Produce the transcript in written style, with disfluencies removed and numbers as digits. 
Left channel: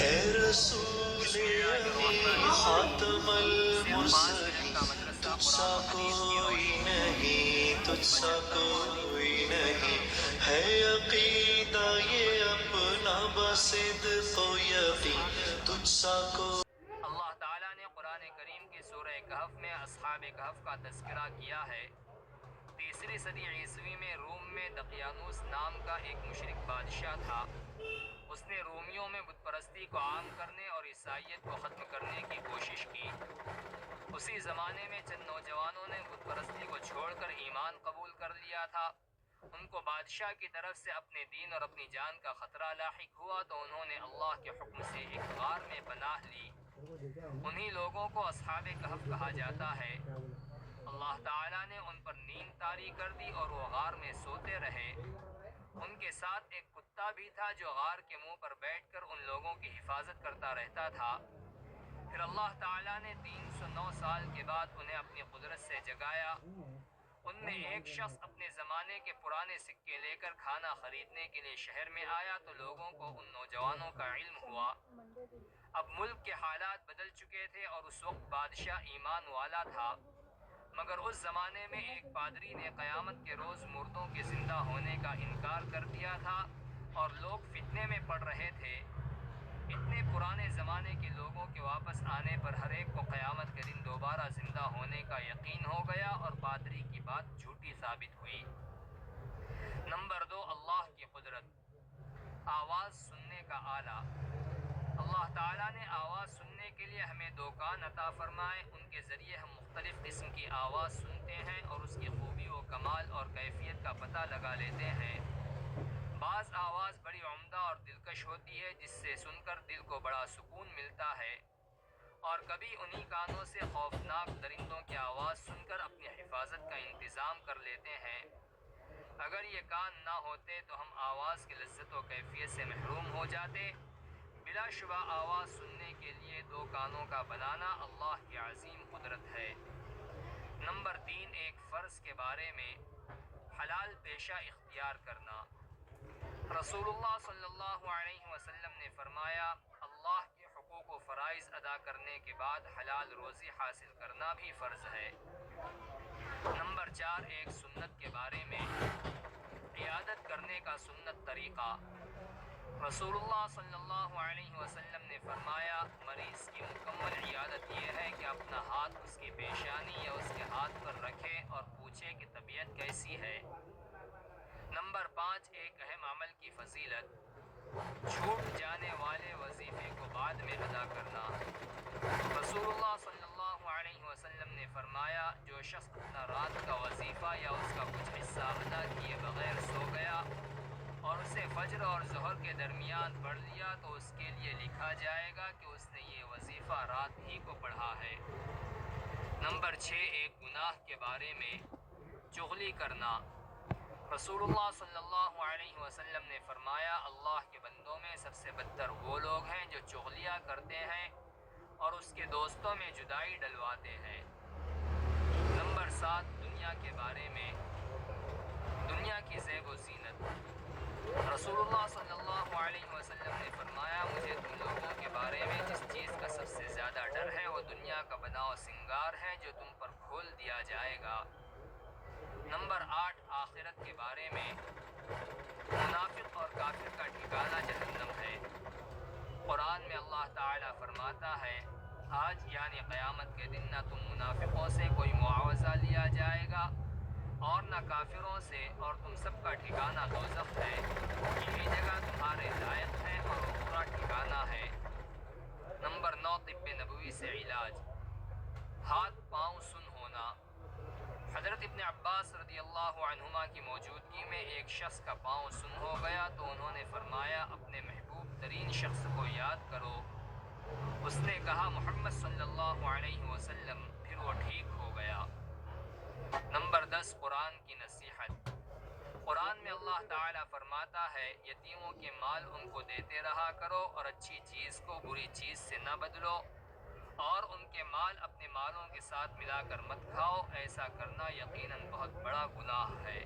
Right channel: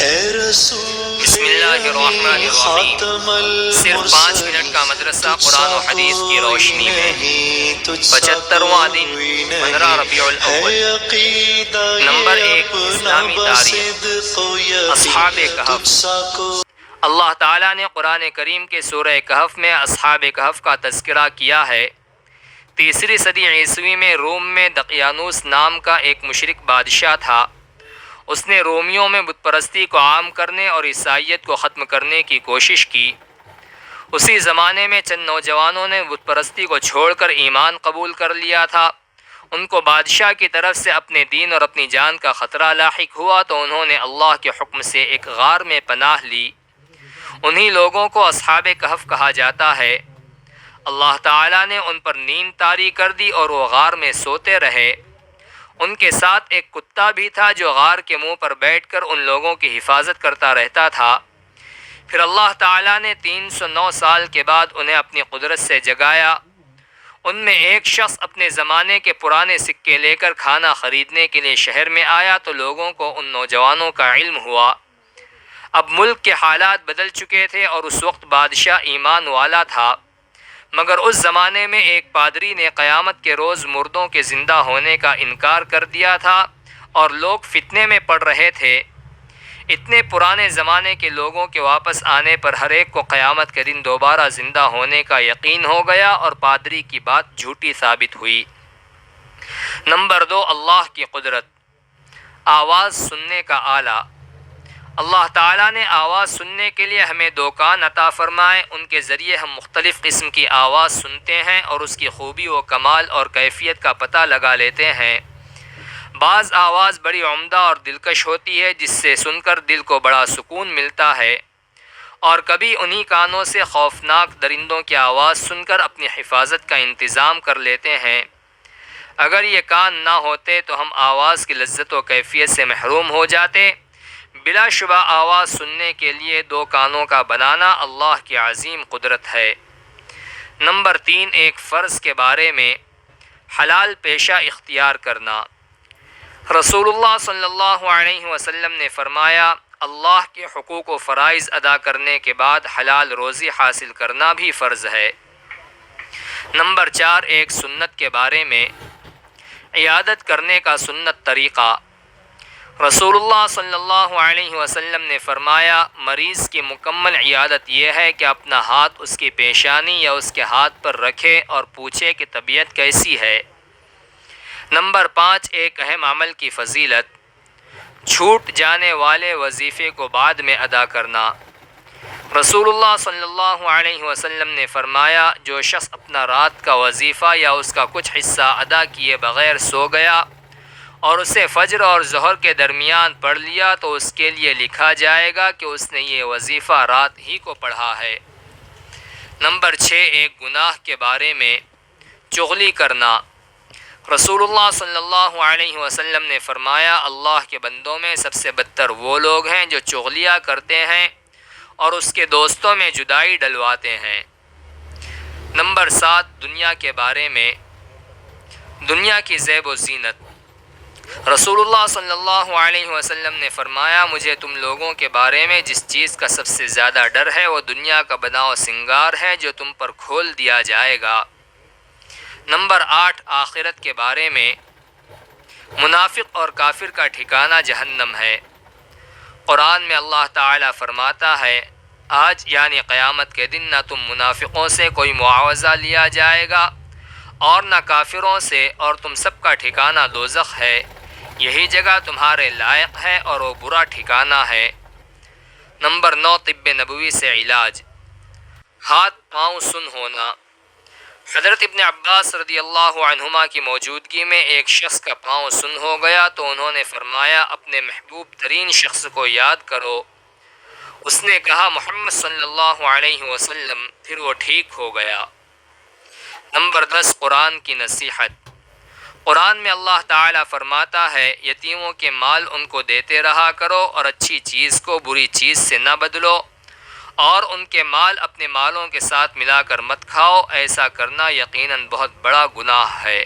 بسم اللہ الرحمن الرحیم۔ صرف 5 منٹ کا مدرسہ قرآن و حدیث کی روشنی میں 75واں دن 15 ربیع الاول۔ نمبر 1، اسلامی تاریخ، اصحاب کہف۔ اللہ تعالیٰ نے قرآن کریم کے سورہ کہف میں اصحاب کہف کا تذکرہ کیا ہے۔ 3 صدی عیسوی میں روم میں دقیانوس نام کا ایک مشرک بادشاہ تھا۔ اس نے رومیوں میں بت پرستی کو عام کرنے اور عیسائیت کو ختم کرنے کی کوشش کی۔ اسی زمانے میں چند نوجوانوں نے بت پرستی کو چھوڑ کر ایمان قبول کر لیا تھا۔ ان کو بادشاہ کی طرف سے اپنے دین اور اپنی جان کا خطرہ لاحق ہوا تو انہوں نے اللہ کے حکم سے ایک غار میں پناہ لی۔ انہی لوگوں کو اصحاب کہف کہا جاتا ہے۔ اللہ تعالیٰ نے ان پر نیند طاری کر دی اور وہ غار میں سوتے رہے۔ ان کے ساتھ ایک کتا بھی تھا جو غار کے منہ پر بیٹھ کر ان لوگوں کی حفاظت کرتا رہتا تھا۔ پھر اللہ تعالیٰ نے 309 سال کے بعد انہیں اپنی قدرت سے جگایا۔ ان میں ایک شخص اپنے زمانے کے پرانے سکے لے کر کھانا خریدنے کے لیے شہر میں آیا تو لوگوں کو ان نوجوانوں کا علم ہوا۔ اب ملک کے حالات بدل چکے تھے اور اس وقت بادشاہ ایمان والا تھا، مگر اس زمانے میں ایک پادری نے قیامت کے روز مردوں کے زندہ ہونے کا انکار کر دیا تھا اور لوگ فتنے میں پڑ رہے تھے۔ اتنے پرانے زمانے کے لوگوں کے واپس آنے پر ہر ایک کو قیامت کے دن دوبارہ زندہ ہونے کا یقین ہو گیا اور پادری کی بات جھوٹی ثابت ہوئی۔ نمبر 2، اللہ کی قدرت، آواز سننے کا آلہ۔ اللہ تعالیٰ نے آواز سننے کے لیے ہمیں 2 کان عطا فرمائے۔ ان کے ذریعے ہم مختلف قسم کی آواز سنتے ہیں اور اس کی خوبی و کمال اور کیفیت کا پتہ لگا لیتے ہیں۔ بعض آواز بڑی عمدہ اور دلکش ہوتی ہے جس سے سن کر دل کو بڑا سکون ملتا ہے، اور کبھی انہی کانوں سے خوفناک درندوں کی آواز سن کر اپنی حفاظت کا انتظام کر لیتے ہیں۔ اگر یہ کان نہ ہوتے تو ہم آواز کی لذت و کیفیت سے محروم ہو جاتے۔ بلا شبہ آواز سننے کے لیے 2 کانوں کا بنانا اللہ کی عظیم قدرت ہے۔ نمبر 3، ایک فرض کے بارے میں، حلال پیشہ اختیار کرنا۔ رسول اللہ صلی اللہ علیہ وسلم نے فرمایا، اللہ کے حقوق و فرائض ادا کرنے کے بعد حلال روزی حاصل کرنا بھی فرض ہے۔ نمبر 4، ایک سنت کے بارے میں، عیادت کرنے کا سنت طریقہ۔ رسول اللہ صلی اللہ علیہ وسلم نے فرمایا، مریض کی مکمل عیادت یہ ہے کہ اپنا ہاتھ اس کی پیشانی یا اس کے ہاتھ پر رکھے اور پوچھے کہ طبیعت کیسی ہے۔ نمبر 5، ایک اہم عمل کی فضیلت، چھوٹ جانے والے وظیفے کو بعد میں ادا کرنا۔ رسول اللہ صلی اللہ علیہ وسلم نے فرمایا، جو شخص اپنا رات کا وظیفہ یا اس کا کچھ حصہ ادا کیے بغیر سو گیا اور اسے فجر اور ظہر کے درمیان پڑھ لیا تو اس کے لیے لکھا جائے گا کہ اس نے یہ وظیفہ رات ہی کو پڑھا ہے۔ نمبر 6، ایک گناہ کے بارے میں، چغلی کرنا۔ رسول اللہ صلی اللہ علیہ وسلم نے فرمایا، اللہ کے بندوں میں سب سے بدتر وہ لوگ ہیں جو چغلیاں کرتے ہیں اور اس کے دوستوں میں جدائی ڈلواتے ہیں۔ نمبر 7، دنیا کے بارے میں، دنیا کی زیب و زینت۔ رسول اللہ صلی اللہ علیہ وسلم نے فرمایا، مجھے تم لوگوں کے بارے میں جس چیز کا سب سے زیادہ ڈر ہے وہ دنیا کا بناؤ سنگار ہے جو تم پر کھول دیا جائے گا۔ نمبر 8، آخرت کے بارے میں، منافق اور کافر کا ٹھکانہ جہنم ہے۔ قرآن میں اللہ تعالیٰ فرماتا ہے، آج یعنی قیامت کے دن نہ تم منافقوں سے کوئی معاوضہ لیا جائے گا اور نہ کافروں سے، اور تم سب کا ٹھکانہ دوزخ ہے، یہی جگہ تمہارے لائق ہے اور وہ برا ٹھکانہ ہے۔ نمبر 9، طب نبوی سے علاج، ہاتھ پاؤں سن ہونا۔ حضرت ابن عباس رضی اللہ عنہما کی موجودگی میں ایک شخص کا پاؤں سن ہو گیا تو انہوں نے فرمایا، اپنے محبوب ترین شخص کو یاد کرو۔ اس نے کہا، محمد صلی اللہ علیہ وسلم، پھر وہ ٹھیک ہو گیا۔ نمبر 10، قرآن کی نصیحت۔ قرآن میں اللہ تعالیٰ فرماتا ہے، یتیموں کے مال ان کو دیتے رہا کرو اور اچھی چیز کو بری چیز سے نہ بدلو، اور ان کے مال اپنے مالوں کے ساتھ ملا کر مت کھاؤ، ایسا کرنا یقیناً بہت بڑا گناہ ہے۔